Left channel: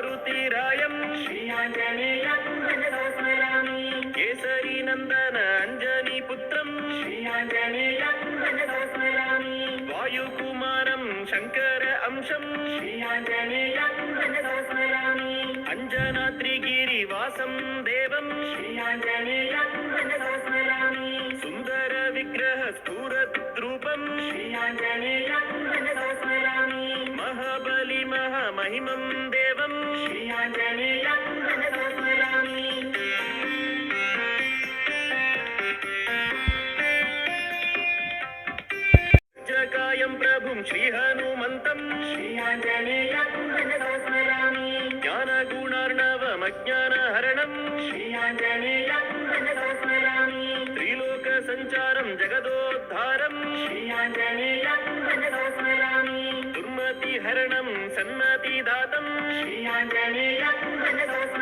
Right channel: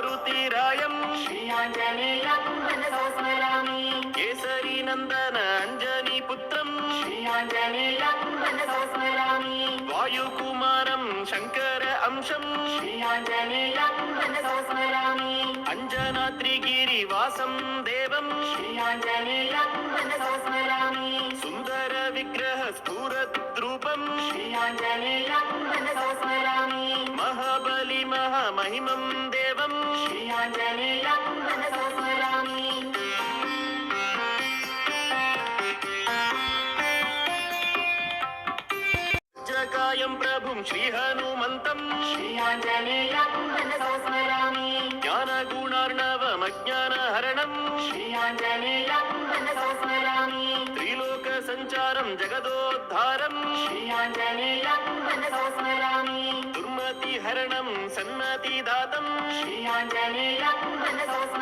मारुतिरायं श्री आञ्जनेयं मनसा स्मरामि केसरी नन्दन अञ्जनी पुत्रं श्री आञ्जनेयं मनसा स्मरामि वायुकुमारं शङ्कर अंशं श्री आञ्जनेयं मनसा स्मरामि अञ्जनाद्रिगिरिवासं देवं श्री आञ्जनेयं मनसा स्मरामि सुन्दर विग्रह स्फुरद्रूपं श्री आञ्जनेयं मनसा स्मरामि महाबली महामहिमं देवं श्री आञ्जनेयं मनसा स्मरामि जगायं प्रभुं श्रीहनुमन्तं श्री आञ्जनेयं मनसा स्मरामि ज्ञानगुणार्णवमज्ञानहरणं श्री आञ्जनेयं मनसा स्मरामि त्रिलोकसञ्चारं जगदोद्धारं श्री आञ्जनेयं मनसा स्मरामि दुर्मतिहरणं सन्मतिदातं श्री आञ्जनेयं मनसा स्मरामि